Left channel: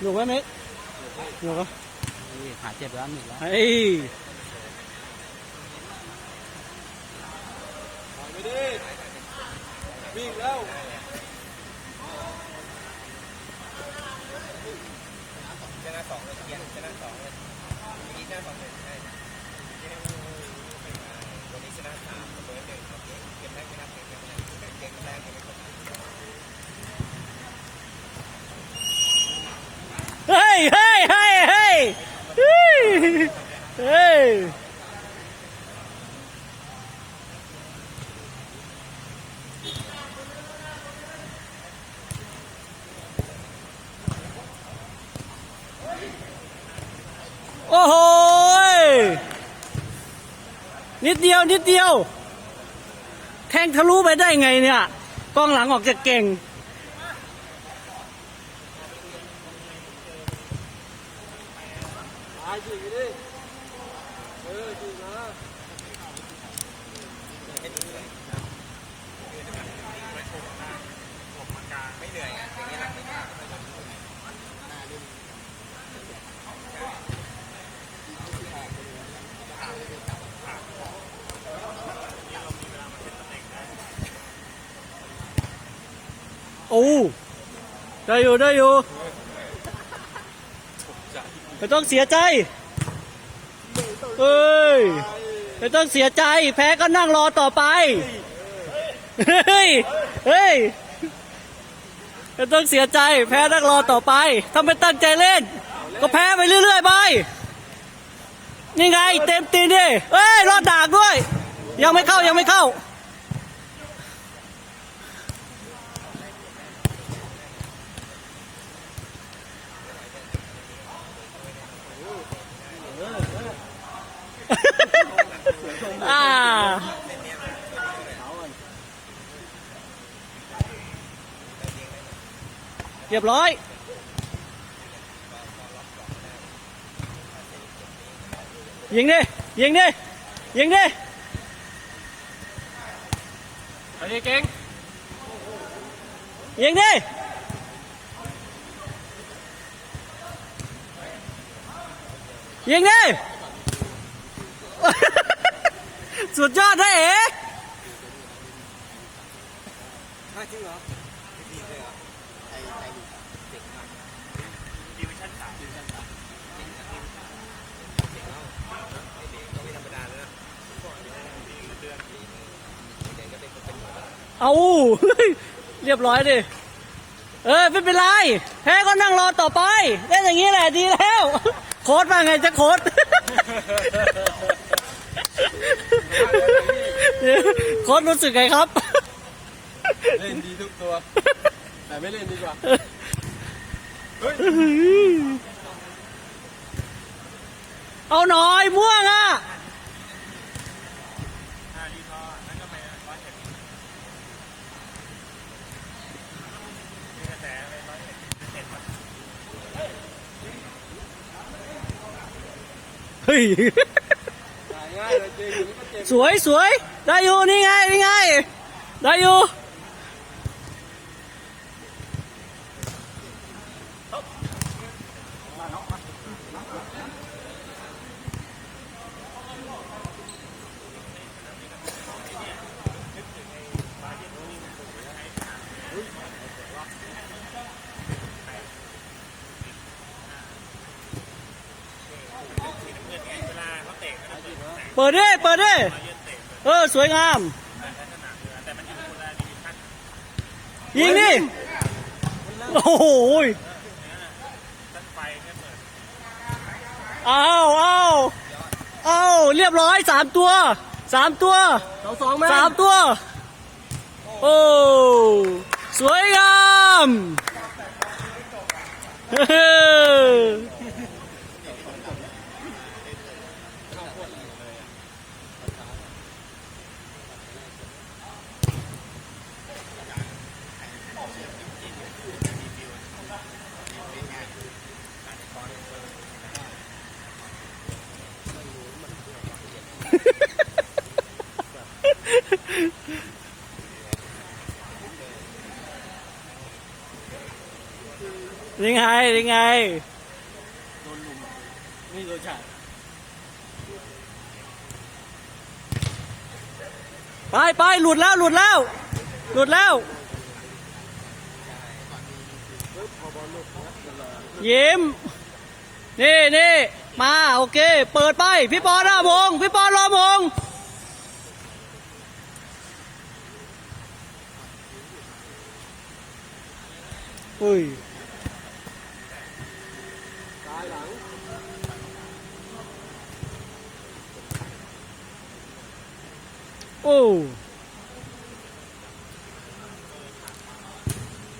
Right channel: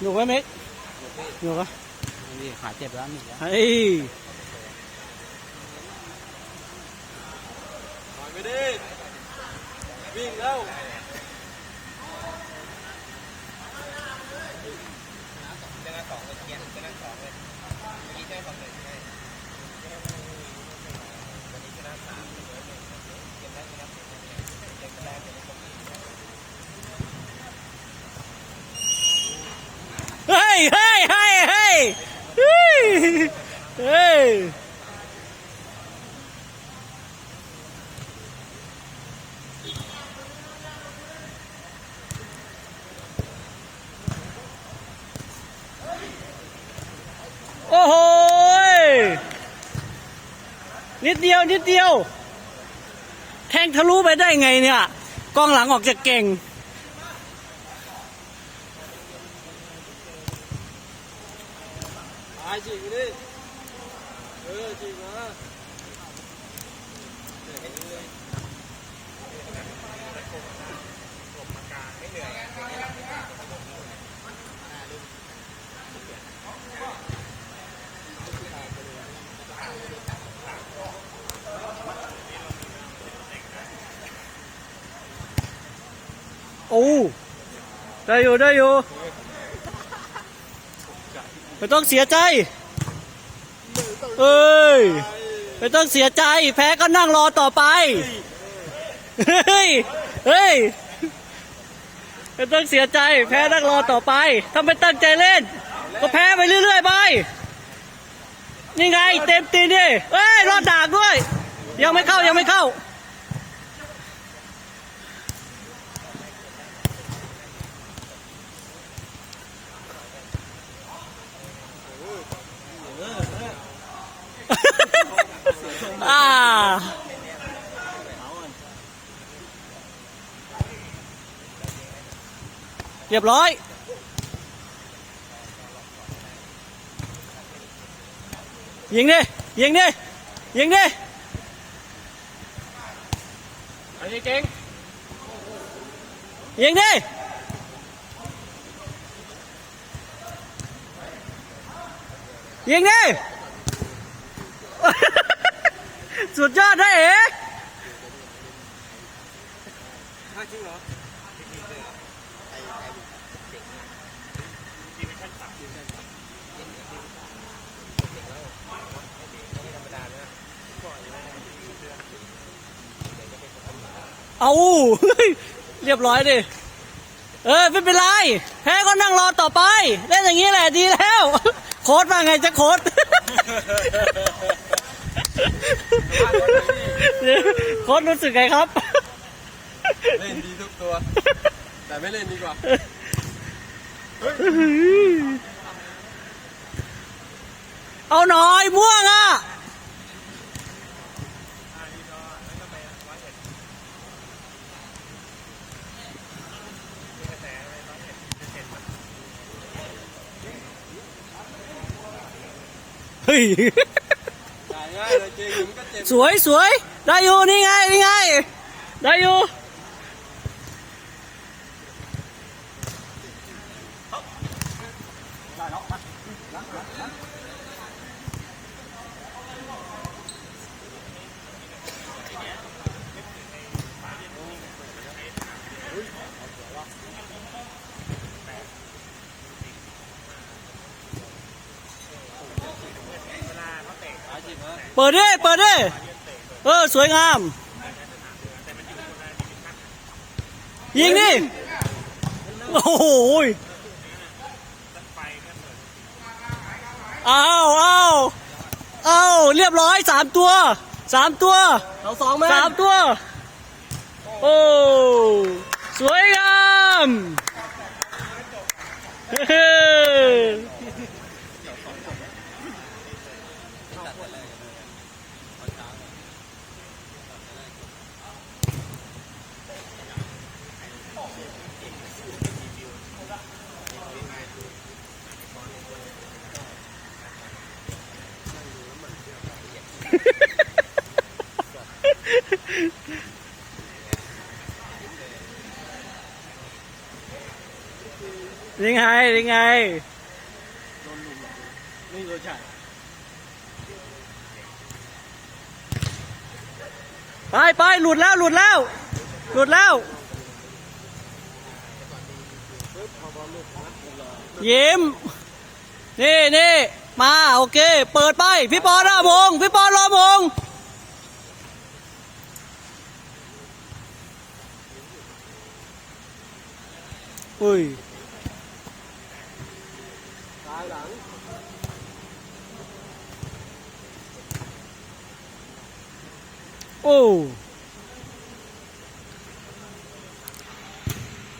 อยู่ไหมมิกอยู่ปะนี่ขาเจ็บแล้วหนึ่งแล้วเฮ้ยไม่ได้วิ่งแล้ว เฮ้ยเฮ้ยเฮ้ยเฮ้ยเฮ้ย เฮ้ยโอ้โหนิดเดียวนิดเดียว แทงทะลุไปได้ไงเนี่ยกองหลังออกจะเก่งตายจริงดิเออจริงนะ โอ้ ได้อยู่ได้อยู่ไม่ต้องเสียใจ เอ้ยไม่ต้องเสียใจ แพ้ก็นั่งรอต่อไป เฮ้ย เฮ้ยไม่ต้องเสียใจ แพ้นั่งรอต่อไป ถ้าไม่ตั้งใจเล่น ก็แพ้ไปเรื่อยๆไป นี่ไง เต็มตีนดิเอ้ย รอดดากด้วย ยังไม่เข้ายังไม่เข้า อ่า เรียบร้อย ยิงดิ ยิงดิ ยิงดิไปเก่งยิงดิยิงดิ สุดยอดนะเอ๋ จริงเหรอ เอาเรียบร้อยดิเออไม่เป็นไรแพ้ก็นั่งรอต่อไปเล่นอย่างนี้แหละดีแล้ว โค้ดว่าไงจะโค้ดโค้ดรู้สึกไงครับ เล่นดีทุกตัว แต่ไม่เล่นดีกว่าเอาหน่อยม่วงอะ เฮ้ยง่ายเลยจริงมันก็เจ็บสวยสวยได้อยู่นี่ไง นี่ไง ได้อยู่ ปิดดิเปิดดิเออ สวยงาม ยิงดิโอ้โหยเอาเอาเอาเรียบร้อยสามตัวสามตัวสองสองแม่สามตัว โอ้ สวยงามเฮ้ ยังไงยังไงโดนลุมนี่โดนจ่ายไปไปหลุดแล้วหลุดแล้ว หลุดแล้ว ยิ้ม นี่นี่มาโอเค เปิดไป พี่ปอหน้าวงพี่ปอรอวงอุ้ยายหลังโอ้